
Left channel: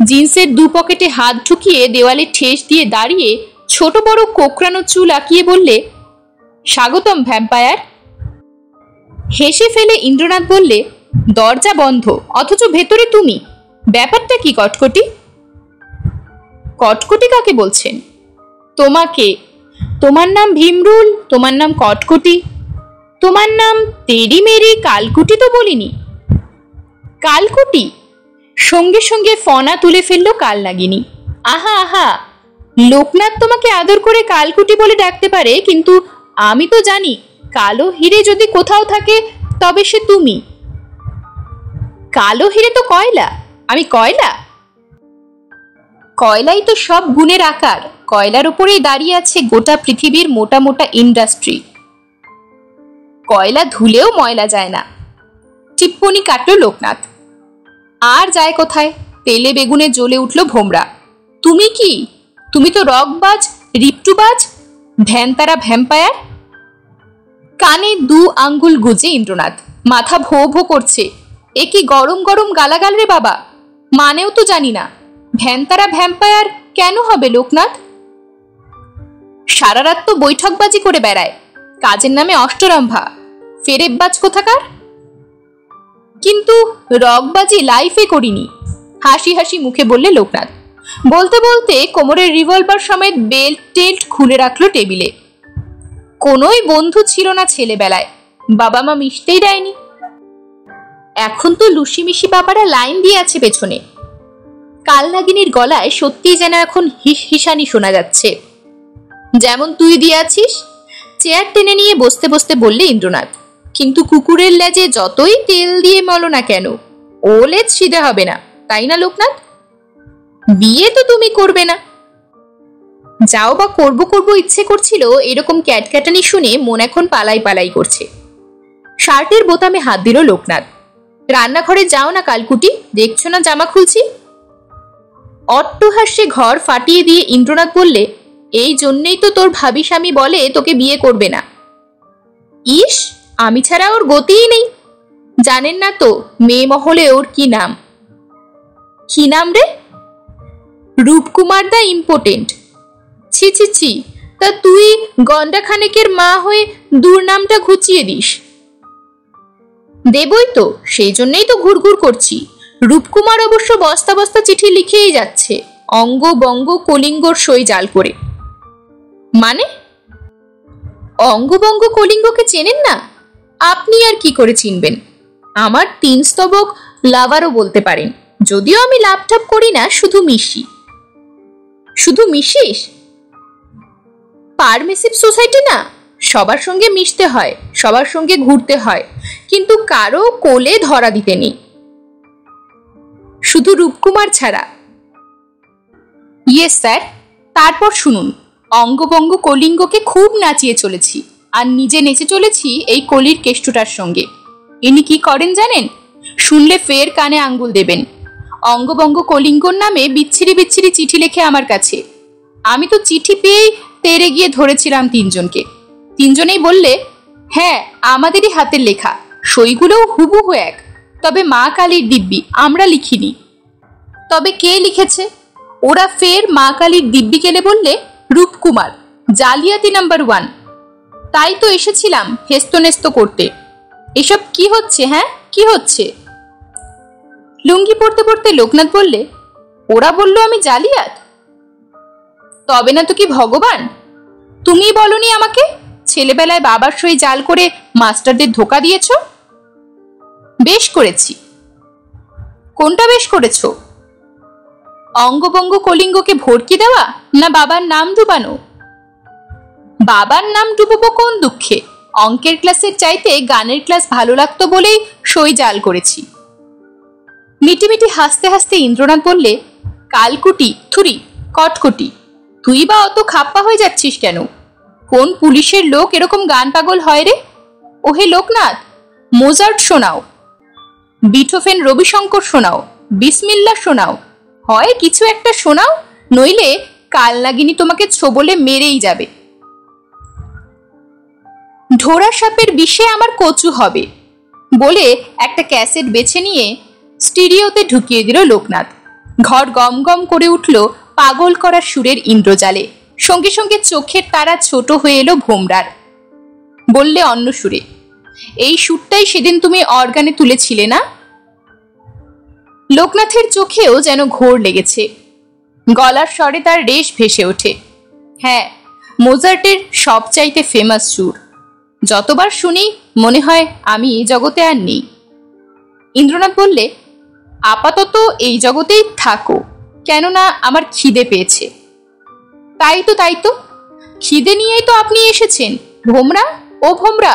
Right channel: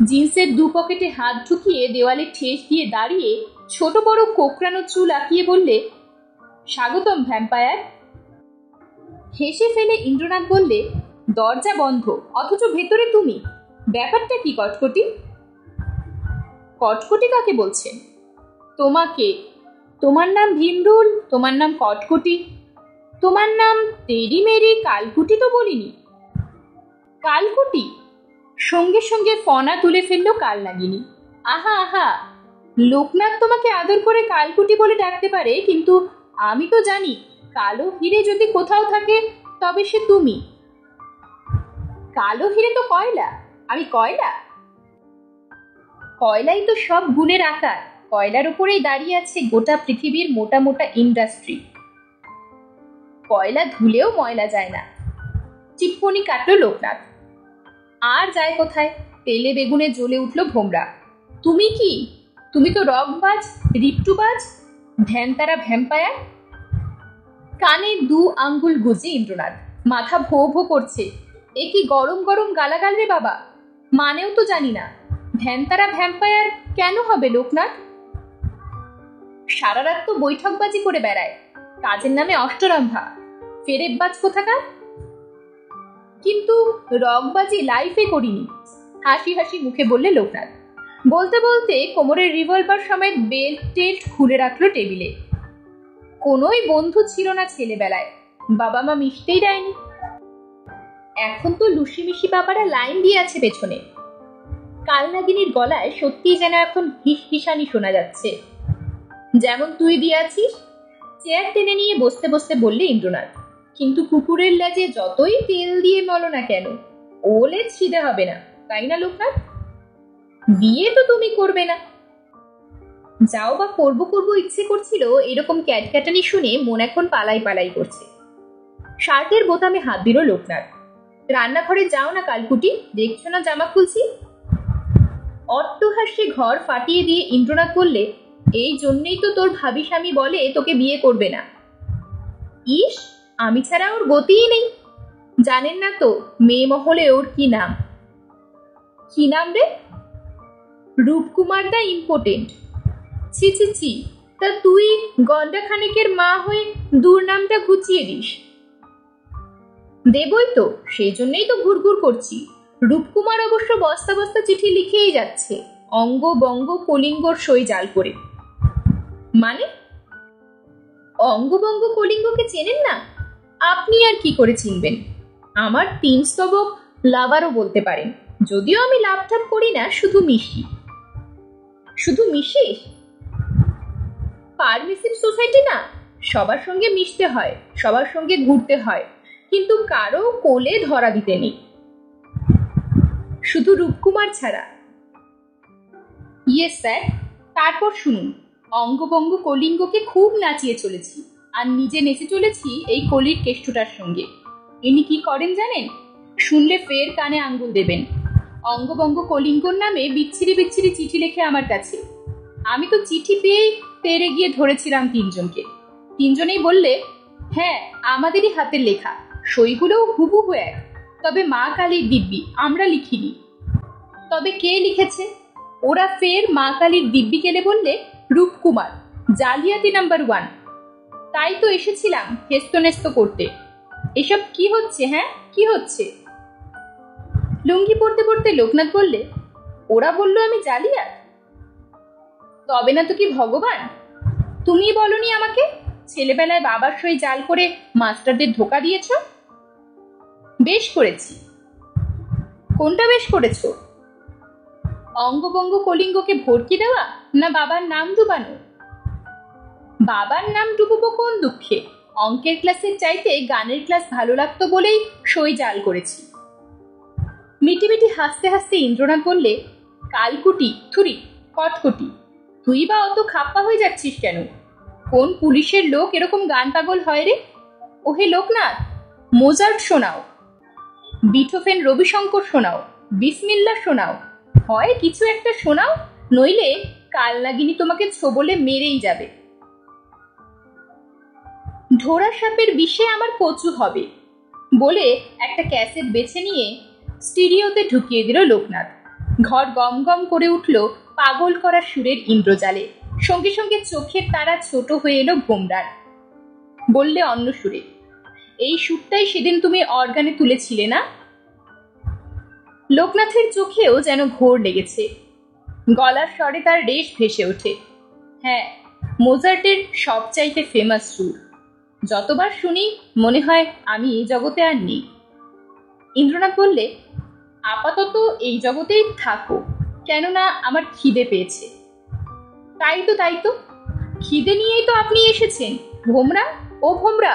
জিন্সের 2 পকেটে হাত ঢুকিয়ে দেওয়ালে ঠেস দিয়ে দাঁড়িয়ে ছোট বড় কোকড়ানো চুল আঁকিয়ে বললে, স্বাগতম ভ্যাম্পায়ার। হেসে ফেলে ইন্দ্রনাথ বললে, দরজা বন্ধ অথচ ভেতরে তুমি, ব্যাপারটা কি কটকটি? কটকটি কাকে বলছেন? তোমাকে। তোমার নাম ভীমরুল, তোমার নাম কটকটি। তোমার নাম তেরি মেরি কালকুটি তো বলিনি? কালকুটি? সঙ্গে সঙ্গে ফনা তুলে ফেললো কালনাগিনী। আহা আহা, লোকনাথ তোমাকে আদর করে কালকুটি বলে ডাকতে পারে, কিন্তু আমি তো জানি কালো হিরে যদি কোথাও থাকে তবে সে তুমি। কালো হিরে তো কয়লা, আমি কয়লা? কয়লাই তো সব গুণের আকার, কয়লার উপরেই দাঁড়িয়ে আছে গোটা পৃথিবীর মোটা মোটা ইন্ডাস্ট্রি। কয়লা ধুলেও ময়লা যায় না। টিপ্পনি কাটলো লোকনাথ। আর যায় কোথায়, তেলে বেগুনে জ্বলে উঠল ভোমরা। তুমি কি? তুমি তো রকবাজ, রিপটুবাজ, ভ্যানতারা ভ্যাম্পায়ার। কানে 2 আঙ্গুল গুজে ইন্দ্রনাথ, মাথা ভো ভো করছে। এ কি গরম গরম গালাগাল রে বাবা, মানেও তো জানি না। ভ্যানতারা ভ্যাম্পায়ার কেন হবে লোকনাথ? সারা রাত তো বৈঠকবাজি করে বেড়ায়, কাজের নামে অষ্টরম্ভা, ফেরেববাজ কোথাকার। কিন্তু রকবাজি লাইফে করিনি, হাসি হাসি মুখে বললে লোকনাথ। বলতে বলতে কোমরের রিভলভার সমেত বেল্ট টেল্ট খুলে রাখলো টেবিলে। কোনোই বন্ধু ছিল না ছেলেবেলায়, বাবা মা মিশতেই দেয়নি। এখন তো লুসি মিশি বাবারা লাইন দিয়ে আছে পেছনে। কালনাগিনীর গলায় সত্যিই যেন এখন হিস হিসানি শোনা যাচ্ছে। যেমন তুই দিয়ে আছিস। চেয়ার টেনে নিয়ে বসতে বসতে বললে ইন্দ্রনাথ। কিন্তু কুকুরের লেজে যতই তেল দিয়ে মলো না কেন, ও লেজ সিধে হবে না, তাই না লোকনাথ? বিয়ে তো তুমি করবে না। যাও বা করবো করবো ইচ্ছে করছিল, এরকম ক্যাটক্যাটানি শুনে মন এখন পালাই পালাই করছে। শার্টের বোতামে হাত দিল লোকনাথ। রান্নাঘরে যাও না কালকুটি, দেখছো না জামা খুলছি? অট্টহাস্যে ঘর ফাটিয়ে দিয়ে ইন্দ্রনাথ বললে, এই জন্যেই তো তোর ভাবি স্বামী বলে তোকে বিয়ে করবে না। ইস, আমি ছাড়া ওর গতিই নেই। জানেন না তো মেয়ে মহলে ওর কি নাম? কি নাম রে? রূপকুমার দা ইম্পোর্টেন্ট। ছি ছি ছি, তা তুই গন্ডা খানেকের মা হয়ে দুর্নামটা ঘুচিয়ে দিস। দেবই তো, সেই জন্যই তো ঘুরঘুর করছি। রূপকুমার অবশ্য বস্তা বস্তা চিঠি লিখেই যাচ্ছে, অঙ্গ বঙ্গ কলিঙ্গর সই জাল করে। মানে? অঙ্গবঙ্গ কলিঙ্গকে চেনেন না? আপনি আর কি করে চিনবেন? আমার 3 স্তবক লাভারও বলতে পারেন, যদিও আমি লাভটাপ করি না, শুধু মিশি। শুধু মিশিস? পারমিসিভ সোসাইটি না, সবার সঙ্গে মিশতে হয়, সবার সঙ্গে ঘুরতে হয়, কিন্তু কারো কোলে ধরা দিতে নেই, শুধু রূপকুমার ছাড়া। Yes sir. তারপর শুনুন, অঙ্গবঙ্গ কলিঙ্গকে খুব নাচিয়ে চলেছি, আর নিজে নেচে চলেছি এই কলির কেষ্টটার সঙ্গে। ইনি কি করেন জানেন? শুনলে ফের কানে আঙ্গুল দেবেন। অঙ্গবঙ্গ কলিঙ্গর নামে বিচ্ছিরি বিচ্ছিরি চিঠি লেখে আমার কাছে। আমি তো চিঠি পেয়েই তেরে গিয়ে ধরেছিলাম 3 জনকে। 3 জনেই বললে, হ্যাঁ আমাদেরই হাতের লেখা, সইগুলোও হুবহু এক, তবে মা কালীর দিব্যি, আমরা লিখিনি। তবে কে লিখেছে? ওরা ফের মা কালীর দিব্যি কেলে বললে, রূপকুমার, জালিয়াতি নাম্বার 1। তাই তো এসেছিলাম হেস্তনেস্ত করতে। এসব কি হচ্ছে? হ্যাঁ, কি হচ্ছে? লুঙ্গি পড়তে পড়তে লোকনাথ বললে, ওরা বললো আমি জালিয়াত? তবে না তো কি ভগবান? তুমি বলনি আমাকে ছেলেবেলায় বাবার সই জাল করে মাস্টারদের ধোকা দিয়েছ? বেশ করেছি। কোনটা বেশ করেছ? অঙ্গবঙ্গ কলিঙ্গকে ভর্তি দেওয়া না বাবার নাম ডুবানো? বাবার নাম ডুববো কোন দুঃখে? অঙ্কের ক্লাসের চাইতে গানের ক্লাস ভালো লাগতো বলেই সই জাল করেছি। মিটিমিটি হাসতে হাসতে ইন্দ্রনাথ বললে, কালকুটি, থুরি, কটকটি, তুই বা অত খাপ্পা হয়ে যাচ্ছিস কেন? কোন পুলিশের লোক এরকম গান পাগল হয় রে? ওহে লোকনাথ, মোজার্ট শোনাও, বিথোফেন রবিশঙ্কর শোনাও, বিসমিল্লা শোনাও, হয় কিছু একটা শোনাও, নইলে কালনাগিনী তোমাকে ছোবলে মেরেই যাবে। ঢোড়া সাপের বিষে আমার কচু হবে বলে একটা ক্যাসেট বেছে নিয়ে স্টুডিওতে ঢুকিয়ে দিল লোকনাথ। ঘর গম গম করে উঠল পাগল করা সুরের ইন্দ্রজালে। সঙ্গে সঙ্গে চোখের তারা ছোট হয়ে এলো ভোমরার। বললে অন্য সুরে, এই সুরটাই সেদিন তুমি অর্গানে তুলেছিলে না? লোকনাথের চোখেও যেন ঘোর লেগেছে, গলার স্বরে তার রেশ ভেসে ওঠে। হ্যাঁ, মোজার্টের সবচাইতে ফেমাস সুর। যতবার শুনি মনে হয় আমি এই জগতে আর নেই। ইন্দ্রনাথ বললে, আপাতত এই জগতেই থাকো, কেননা আমার খিদে পেয়েছে। তাই তো খিদে নিয়েই তো আপনি এসেছেন। ভোমরা, ও ভোমরা,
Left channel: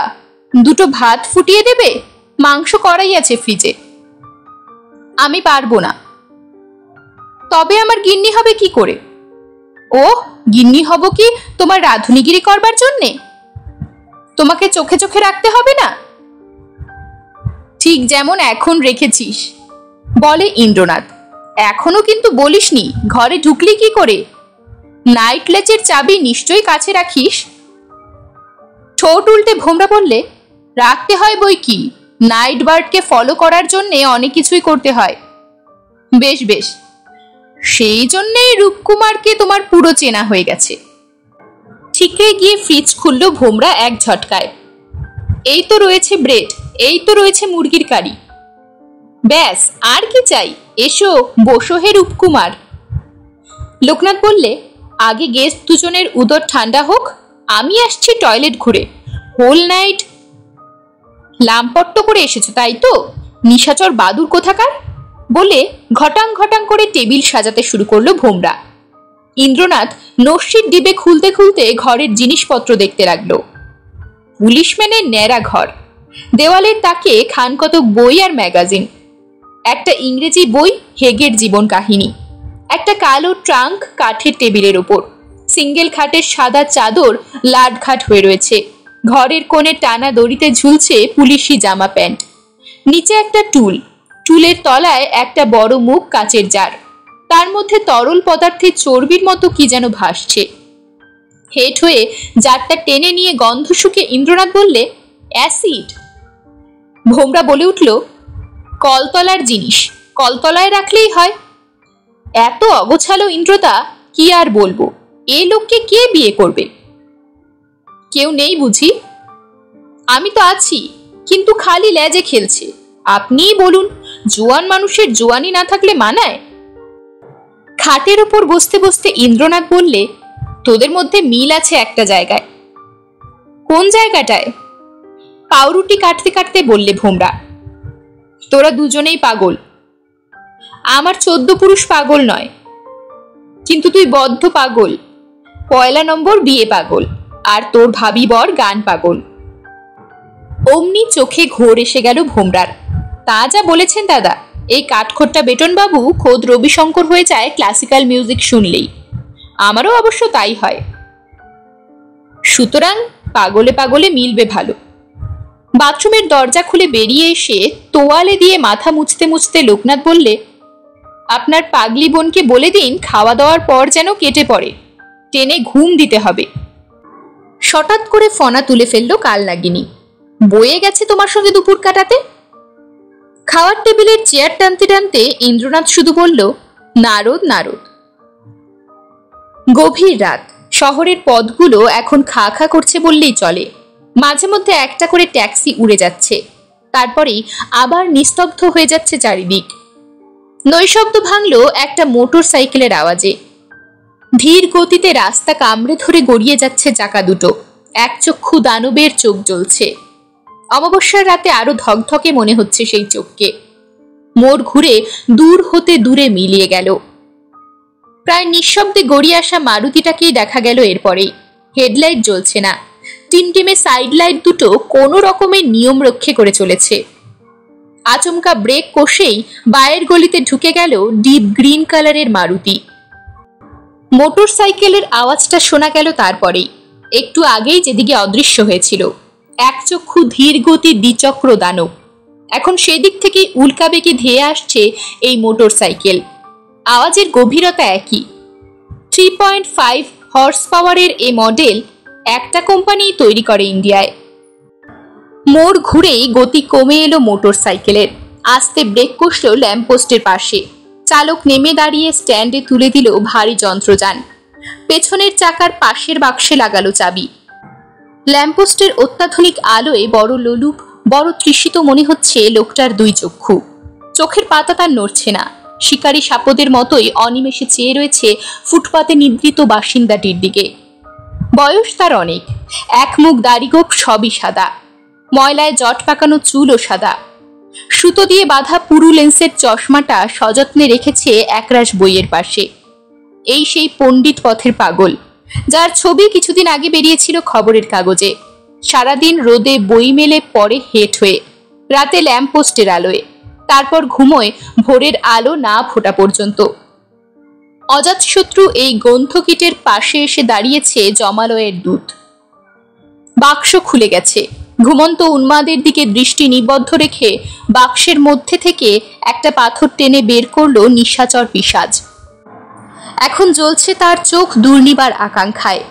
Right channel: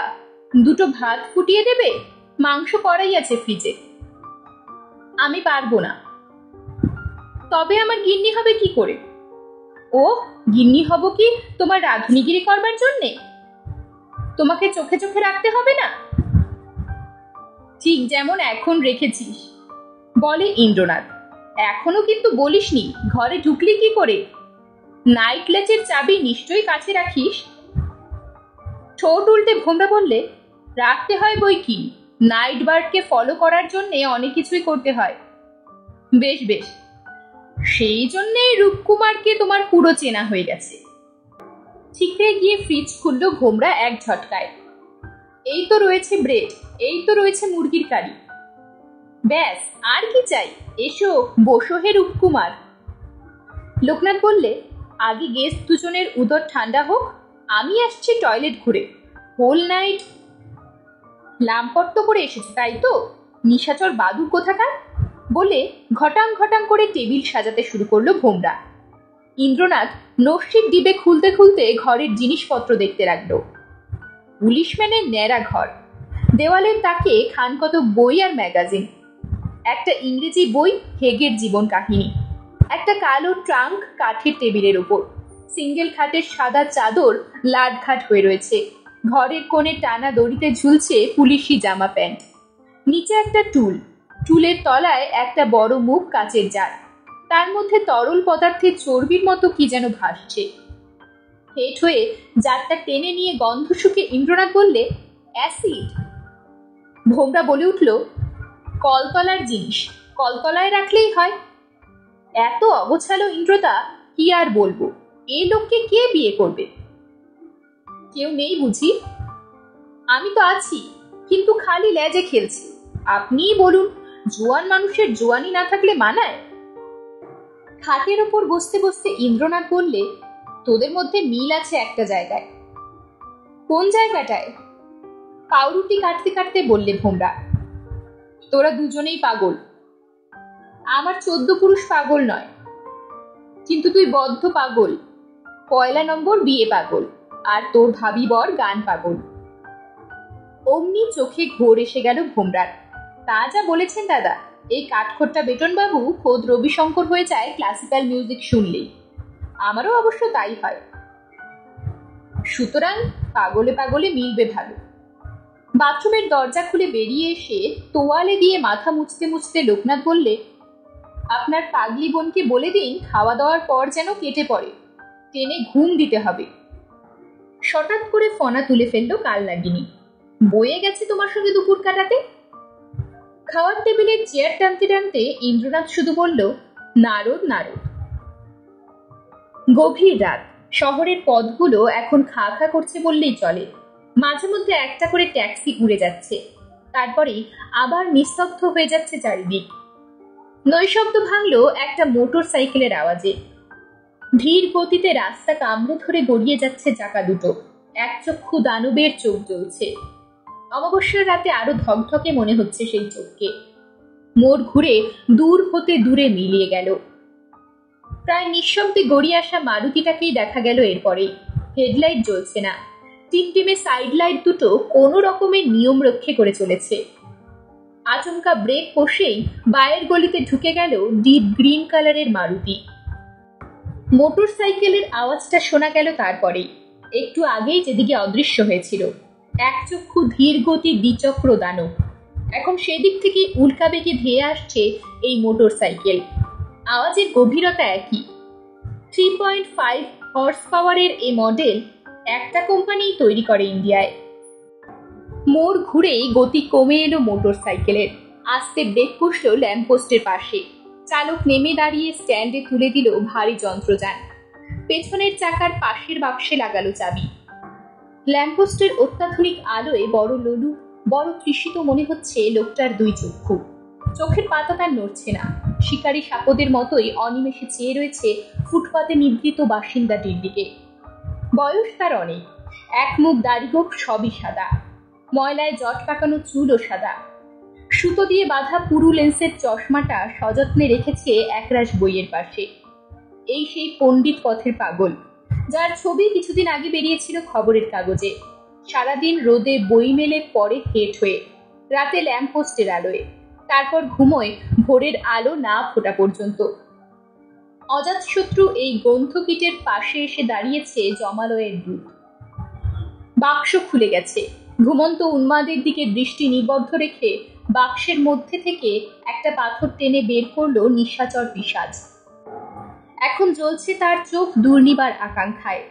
দুটো ভাত ফুটিয়ে দেবে? মাংস করাই আছে ফ্রিজে। আমি পারবো না। তবে আমার গিন্নি হবে কি করে? ও, গিন্নি হব কি তোমার রাঁধুনিগিরি করবার জন্যে? তোমাকে চোখে চোখে রাখতে হবে না? ঠিক যেমন এখন রেখেছিস, বলে ইন্দ্রনাথ। এখনো কিন্তু বলিসনি ঘরে ঢুকলি কি করে? নাইট লেচের চাবি নিশ্চয়ই কাছে রাখিস। ঠোঁট উল্টে ভোমরা বললে, রাখতে হয় বই কি, নাইট বার্ডকে ফলো করার জন্যে অনেক কিছুই করতে হয়। বেশ বেশ, সেই জন্যেই রূপকুমারকে তোমার পুরো চেনা হয়ে গেছে। ঠিকরে গিয়ে ফ্রিজ খুললো ভোমরা এক ঝটকায়। এই তো রয়েছে ব্রেড, এই তো রয়েছে মুরগির কারি। ব্যাস, আর কি চাই? এসো বসো হে রূপকুমার। লোকনাথ বললে, আগে গেস্ট দুজনের উদর ঠান্ডা হোক, আমি আসছি টয়লেট ঘুরে। হোল নাইট লাম্পট্ট করে এসেছো তাই তো, নিশাচর বাদুর কোথাকার, বলে ঘটাং ঘটাং করে টেবিল সাজাতে শুরু করলো ভোমরা। ইন্দ্রনাথ নস্যির ডিবে খুলতে খুলতে ঘরের জিনিসপত্র দেখতে লাগলো। পুলিশম্যানের ন্যাড়া ঘর, দেওয়ালের তাকে খানকতক বই আর ম্যাগাজিন, একটা ইংরেজি বই হেগের জীবন কাহিনী, একটা কালো ট্রাঙ্ক কাঠের টেবিলের ওপর, সিঙ্গেল খাটের সাদা চাদর লাটঘাট হয়ে রয়েছে, ঘরের কোণে টানা দড়িতে ঝুলছে পুলিশি জামা প্যান্ট, নিচে একটা টুল, টুলের তলায় একটা বড় মুখ কাচের জার, তার মধ্যে তরল পদার্থের চর্বির মতো কি যেন ভাসছে। হেট হয়ে জারটা টেনে নিয়ে গন্ধ শুকে ইন্দ্রনাথ বললে, অ্যাসিড। ভোমরা বলে উঠল, কলতলার জিনিস কলতলায় রাখলেই হয়। এত অগোছালো ইন্দ্রদা, কি আর বলবো, এ লোককে কে বিয়ে করবে? কেউ নেই বুঝি? আমি তো আছি, কিন্তু খালি লেজে খেলছে। আপনিই বলুন, জোয়ান মানুষের জোয়ানি না থাকলে মানায়? খাটের ওপর বসতে বসতে ইন্দ্রনাথ বললে, তোদের মধ্যে মিল আছে একটা জায়গায়। কোন জায়গাটায়? পাউরুটি কাটতে কাটতে বললে ভোমরা। তোরা দুজনেই পাগল। আমার 14 পুরুষ পাগল নয়, কিন্তু তুই বদ্ধ পাগল, 1 নম্বর বিয়ে পাগল, আর তোর ভাবি বর গান পাগল। অমনি চোখে ঘোর এসে গেল ভোমরার। তা যা বলেছেন দাদা, এই কাঠখোট্টা বেটনবাবু খোদ রবিশঙ্কর হয়ে যায় ক্লাসিক্যাল মিউজিক শুনলেই। আমারও অবশ্য তাই হয়। সুতরাং পাগলে পাগলে মিলবে ভালো। বাথরুমের দরজা খুলে বেরিয়ে এসে তোয়ালে দিয়ে মাথা মুছতে মুছতে লোকনাথ বললে, আপনার পাগলি বোনকে বলে দিন খাওয়া দাওয়ার পর যেন কেটে পড়ে, টেনে ঘুম দিতে হবে। হঠাৎ করে ফনা তুলে ফেললো কাল নাগিনী, বয়ে গেছে তোমার সঙ্গে দুপুর কাটাতে। খাওয়ার টেবিলের চেয়ার টানতে টানতে ইন্দ্রনাথ শুধু বলল, নারদ নারদ। গভীর রাত, শহরের পথগুলো এখন খা খা করছে বললেই চলে। মাঝে মধ্যে একটা করে ট্যাক্সি উড়ে যাচ্ছে, তারপরেই আবার নিস্তব্ধ হয়ে যাচ্ছে চারিদিক। নৈশব্দ ভাঙল একটা মোটর সাইকেলের আওয়াজে। ধীর গতিতে রাস্তা কামড়ে ধরে গড়িয়ে যাচ্ছে চাকা দুটো, একচক্ষু দানবের চোখ জ্বলছে। অমাবস্যার রাতে আরো ধকধকে মনে হচ্ছে সেই চোখকে। মোড় ঘুরে দূর হতে দূরে মিলিয়ে গেল। প্রায় নিঃশব্দে গড়িয়ে আসা মারুতিটাকেই দেখা গেল এরপরেই। হেডলাইট জ্বলছে না, টিমটিমে সাইড লাইট দুটো কোনো রকমের নিয়ম রক্ষে করে চলেছে। আচমকা ব্রেক কষেই বায়ের গলিতে ঢুকে গেল ডিপ গ্রিন কালারের মারুতি। মোটর সাইকেলের আওয়াজটা শোনা গেল তারপরেই, একটু আগেই যেদিকে অদৃশ্য হয়েছিল। একচক্ষু ধীর গতি দ্বিচক্র দানব, এখন সেদিক থেকেই উল্কাবেগে ধেয়ে আসছে এই মোটর সাইকেল। আওয়াজের গভীরতা একই। 3.5 হর্স পাওয়ারের এই মডেল একটা কোম্পানি তৈরি করে ইন্ডিয়ায়। মোড় ঘুরেই গতি কমে এলো মোটর সাইকেলের। আস্তে ব্রেক কষল ল্যাম্পপোস্টের পাশে। চালক নেমে দাঁড়িয়ে স্ট্যান্ডে তুলে দিল ভারী যন্ত্রযান। পেছনের চাকার পাশের বাক্সে লাগালো চাবি। ল্যাম্পপোস্টের অত্যাধুনিক আলোয় বড় লোলুপ, বড় তৃষিত মনে হচ্ছে লোকটার 2 চক্ষু। চোখের পাতা তার নড়ছে না, শিকারী সাপদের মতোই অনিমেষে চেয়ে রয়েছে ফুটপাতে নিদ্রিত বাসিন্দাটির দিকে। বয়স তার অনেক, এক মুখ দাড়িগোপ সবই সাদা, ময়লায় জট পাকানো চুলও সাদা। সুতো দিয়ে বাঁধা পুরু লেন্সের চশমাটা সযত্নে রেখেছে একরাশ বইয়ের পাশে। এই সেই পণ্ডিত পথের পাগল, যার ছবি কিছুদিন আগে বেরিয়েছিল খবরের কাগজে। সারাদিন রোদে বই মেলে পড়ে হেঁট হয়ে, রাতে ল্যাম্পপোস্টের আলোয়, তারপর ঘুমোয় ভোরের আলো না ফোটা পর্যন্ত। অজাতশত্রু এই গ্রন্থকীটের পাশে এসে দাঁড়িয়েছে জমালয়ের দূত। বাক্স খুলে গেছে। ঘুমন্ত উন্মাদের দিকে দৃষ্টি নিবদ্ধ রেখে বাক্সের মধ্যে থেকে একটা পাথর টেনে বের করলো নিশাচর পিশাচ। এখন জ্বলছে তার চোখ দুর্নিবার আকাঙ্ক্ষায়,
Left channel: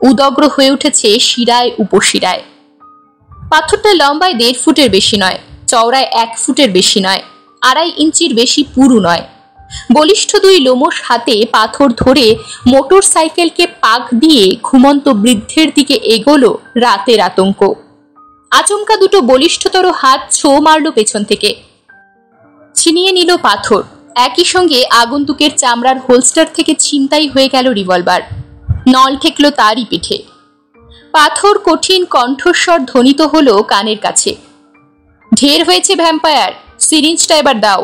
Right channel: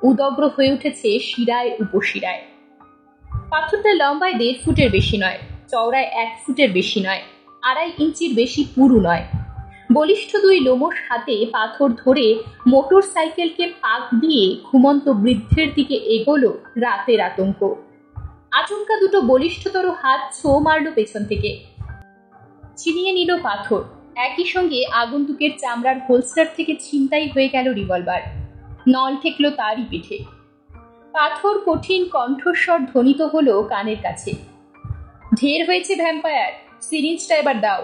উদগ্র হয়ে উঠেছে শিরায় উপশিরায়। পাথরটা লম্বায় 1.5 ফুটের বেশি নয়, চওড়ায় 1 ফুটের বেশি নয়, 2.5 ইঞ্চির বেশি পুরু নয়। বলিষ্ঠ 2 লোমশ হাতে পাথর ধরে মোটর সাইকেলকে পাক দিয়ে ঘুমন্ত বৃদ্ধের দিকে এগোলো রাতের আতঙ্ক। আচমকা 2টো বলিষ্ঠতর হাত ছো মারল পেছন থেকে, ছিনিয়ে নিল পাথর। একই সঙ্গে আগন্তুকের চামড়ার হোলস্টার থেকে ছিনতাই হয়ে গেল রিভলভার। নল ঠেকল তারই পিঠে। পাথর কঠিন কণ্ঠস্বর ধ্বনিত হলো কানের কাছে, ঢের হয়েছে ভ্যাম্পায়ার, সিরিঞ্জটা এবার দাও।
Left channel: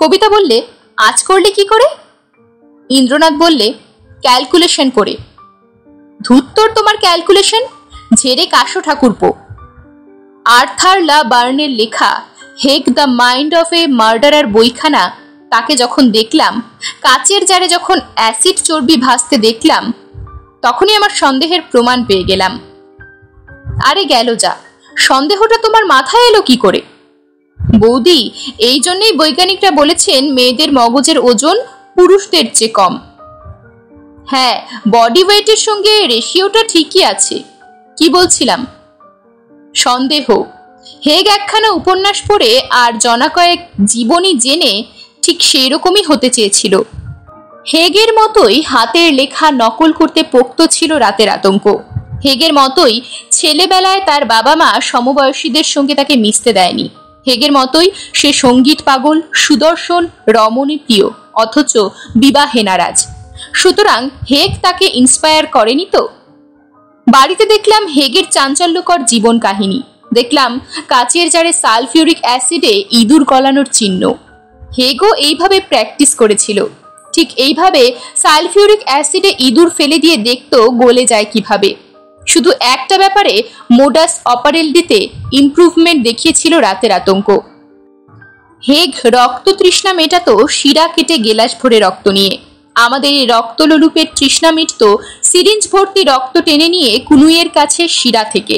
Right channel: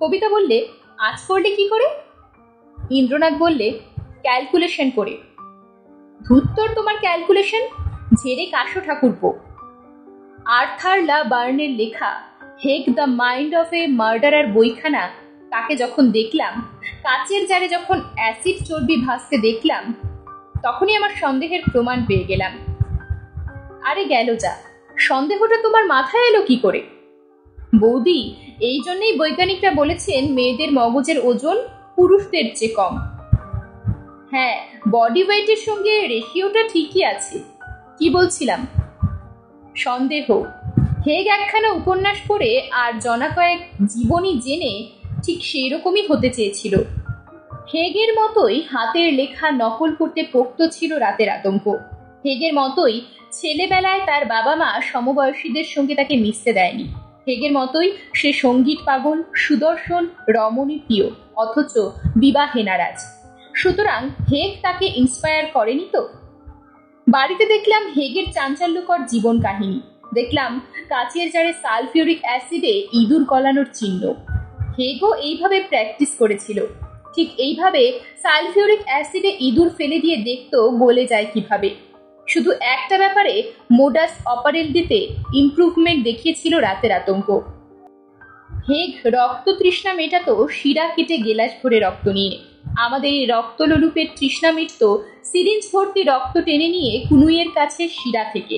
কবিতা বললে, আজ করলে কি করে? ইন্দ্রনাথ বললে, ক্যালকুলেশন করে। ধুত্তর তোমার ক্যালকুলেশন, ঝেড়ে কাশো ঠাকুরপো। আর্থার লা বার্নের লেখা হেগ the mind of a murderer বইখানা, তাকে যখন দেখলাম, কাচের জারে যখন অ্যাসিড চর্বি ভাসতে দেখলাম, তখনই আমার সন্দেহের প্রমাণ পেয়ে গেলাম। আরে গেল যা, সন্দেহটা তোমার মাথায় এলো কি করে? বৌদি, এই জন্যই বৈজ্ঞানিকরা বলেছেন মেয়েদের মগজের ওজন পুরুষদের চেয়ে কম। হ্যাঁ, বডি ওয়েটের সঙ্গে রেশিওটা ঠিকই আছে। কি বলছিলাম? সন্দেহ। হেগ একখানা উপন্যাস পড়ে আর জনা কয়েক জীবনী জেনে ঠিক সেই রকমই হতে চেয়েছিল। হেগের মতোই হাতের লেখা নকল করতে পোক্ত ছিল রাতের আতঙ্ক। হেগের মতোই ছেলেবেলায় তার বাবা মা সমবয়সীদের সঙ্গে তাকে মিশতে দেয়নি। হেগের মতোই সে সঙ্গীত পাগল, সুদর্শন, রমণী প্রিয়, অথচ বিবাহে নারাজ। সুতরাং হেগ তাকে ইন্সপায়ার করেনি তো। বাড়িতে দেখলাম হেগের চাঞ্চল্যকর জীবন কাহিনী। দেখলাম কাচের জারে সালফিউরিক অ্যাসিডে ইঁদুর গলানোর চিহ্ন। হেগও এইভাবে প্র্যাকটিস করেছিল। ঠিক এইভাবে সালফিউরিক অ্যাসিডে ইঁদুর ফেলে দিয়ে দেখতো গলে যায় কিভাবে। শুধু একটা ব্যাপারে মোডাস অপারেন্ডিতে ইমপ্রুভমেন্ট দেখিয়েছিল রাতের আতঙ্ক। হেগ রক্ত তৃষ্ণা মেটাতো শিরা কেটে গেলাস ভরে রক্ত নিয়ে। আমাদের এই রক্তলোলুপের তৃষ্ণা মিটত সিরিঞ্জ ভর্তি রক্ত টেনে নিয়ে কুনুইয়ের কাছে শিরা থেকে,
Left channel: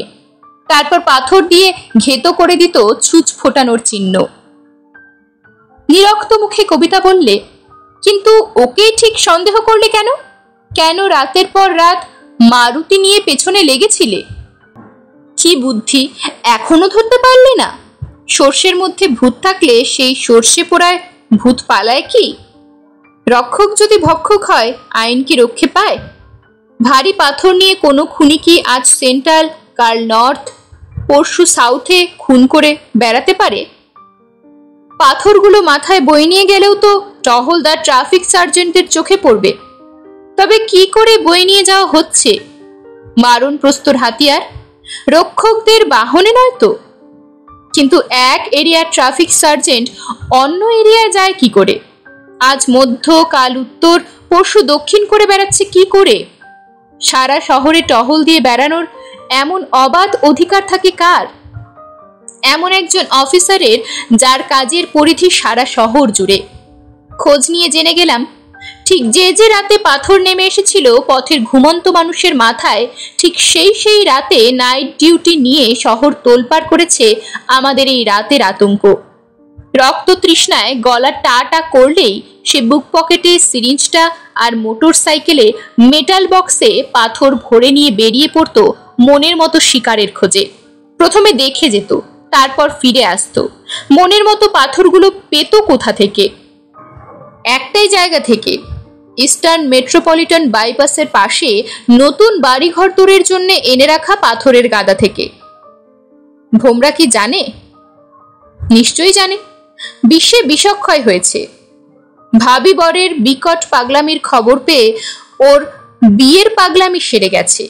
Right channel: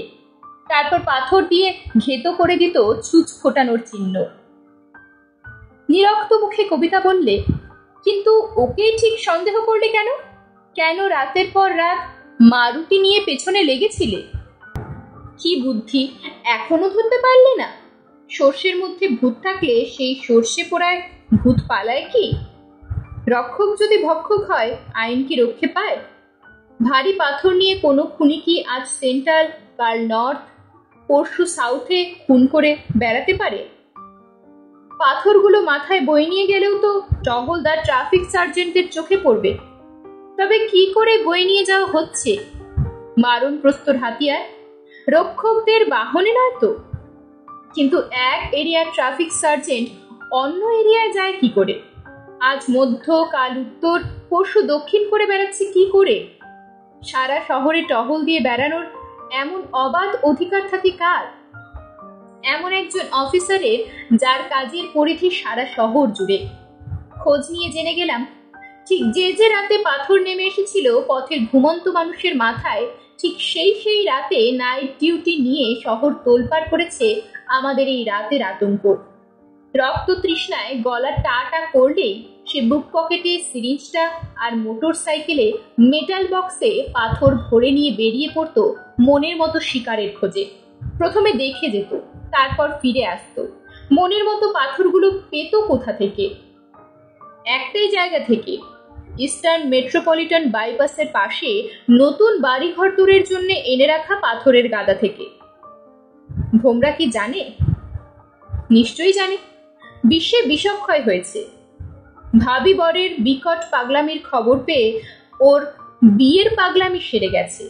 তারপর পাথর দিয়ে ঘেতো করে দিত ছুঁচ ফোটানোর চিহ্ন। নিরক্ত মুখে কবিতা বললে, কিন্তু ওকেই ঠিক সন্দেহ করলে কেন? কেন রাতের পর রাত মারুতি নিয়ে পেছনে লেগেছিলে? কি বুদ্ধি, এখনো ধরতে পারলে না? সর্ষের মধ্যে ভূত থাকলে সেই সর্ষে পোড়ায় ভূত পালায় কি? রক্ষক যদি ভক্ষক হয়, আইন কি রক্ষে পায়? ভারী পাথর নিয়ে কোনো খুনি কি আজ সেন্ট্রাল, কাল নর্থ, পরশু সাউথে খুন করে বেড়াতে পারে? পাথরগুলো মাথায় বয়ে নিয়ে গেলেও তো টহলদার ট্রাফিক সার্জেন্টের চোখে পড়বে। তবে কি করে বয়ে নিয়ে যাওয়া হচ্ছে? মারণ প্রস্তর হাতিয়ার, রক্ষকদের বাহনে নয় তো। কিন্তু এক এরিয়ার ট্রাফিক সার্জেন্ট অন্য এরিয়ায় যায় কি করে? আজ মধ্য, কাল উত্তর, পরশু দক্ষিণ করে বেড়াচ্ছে কি করে? সারা শহরে টহল দিয়ে বেড়ানোর এমন অবাধ অধিকার থাকে কার? এমন একজন অফিসারের যার কাজের পরিধি সারা শহর জুড়ে। খোঁজ নিয়ে জেনে গেলাম, ঠিক যে যে রাতে পাথর নেমে এসেছিল পথের ঘুমন্ত মানুষের মাথায়, ঠিক সেই রাতে নাইট ডিউটি নিয়ে শহর তোলপাড় করেছে আমাদের এই রাতের আতঙ্ক। রক্ত তৃষ্ণায় গলা টা টা করলেই সে বুক পকেটে সিরিঞ্জটা আর মোটর সাইকেলে মেটাল বক্সে পাথর ভরে নিয়ে বেরিয়ে পড়তো মনের মতো শিকারের খোঁজে। প্রথমে দেখে যেত, তারপর ফিরে আসতো। মনের মতো পাথরগুলো পেত কোথা থেকে? একটাই জায়গা থেকে, ইস্টার্ন মেট্রোপলিটন বাইপাসের পাশে নতুন বাড়িঘর তৈরির জন্য এনে রাখা পাথরের গাদা থেকে। ভোমরা কি জানে? নিশ্চয়ই জানে। বিশ্বে বিষক্ষয় হয়েছে। ভাবি বরের বিকট পাগলামির খবর পেয়ে ওর বিয়ের পাগলামি সেরে গেছে।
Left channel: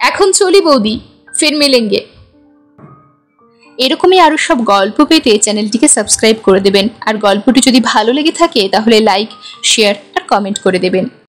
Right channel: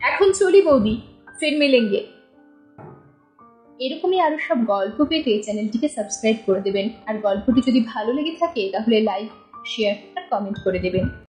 এখন চলি বৌদি, ফির মিলেঙ্গে। এরকমই আরো সব গল্প পেতে চ্যানেলটিকে সাবস্ক্রাইব করে দেবেন, আর গল্পটি যদি ভালো লেগে থাকে তাহলে লাইক, শেয়ার আর কমেন্ট করে দেবেন।